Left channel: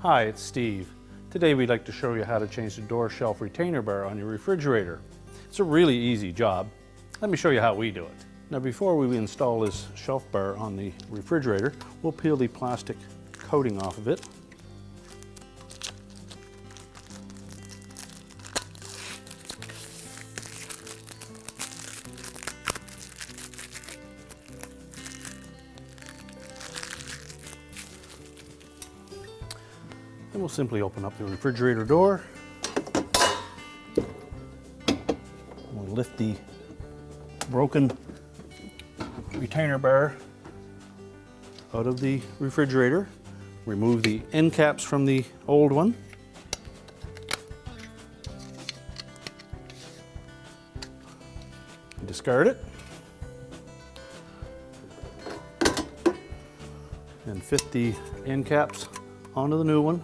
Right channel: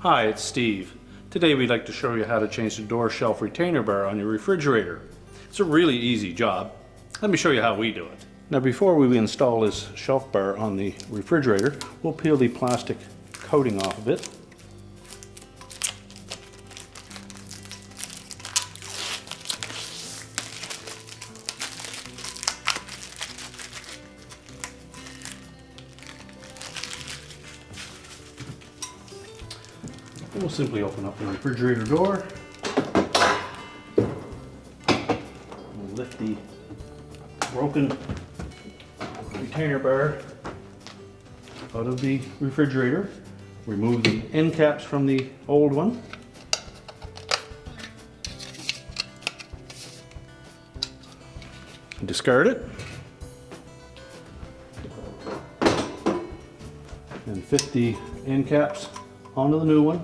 Hi, it's Steve. Today we'd like to show you how to change the door shelf retainer bar on your refrigerator. It's a really easy job. Let me show you how we do it. Now before we install this shelf bar on the refrigerator, we'll peel the plastic coating off of it. And we'll simply open up the refrigerator door. We'll lift the broken retainer bar out of the refrigerator. Remove the end caps from the old one. Discard it. And fit the end caps onto the new one.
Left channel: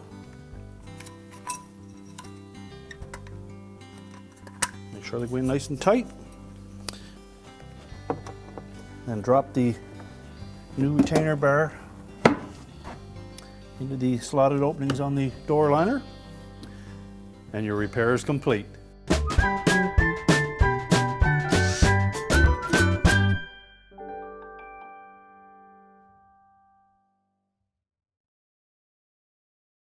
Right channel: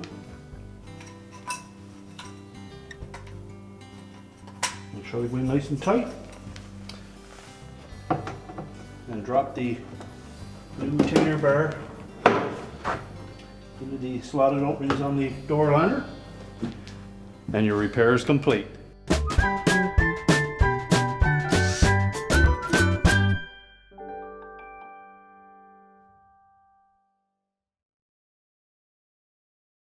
Make sure they go in nice and tight. And drop the new retainer bar into the slotted openings on the door liner. And your repair is complete.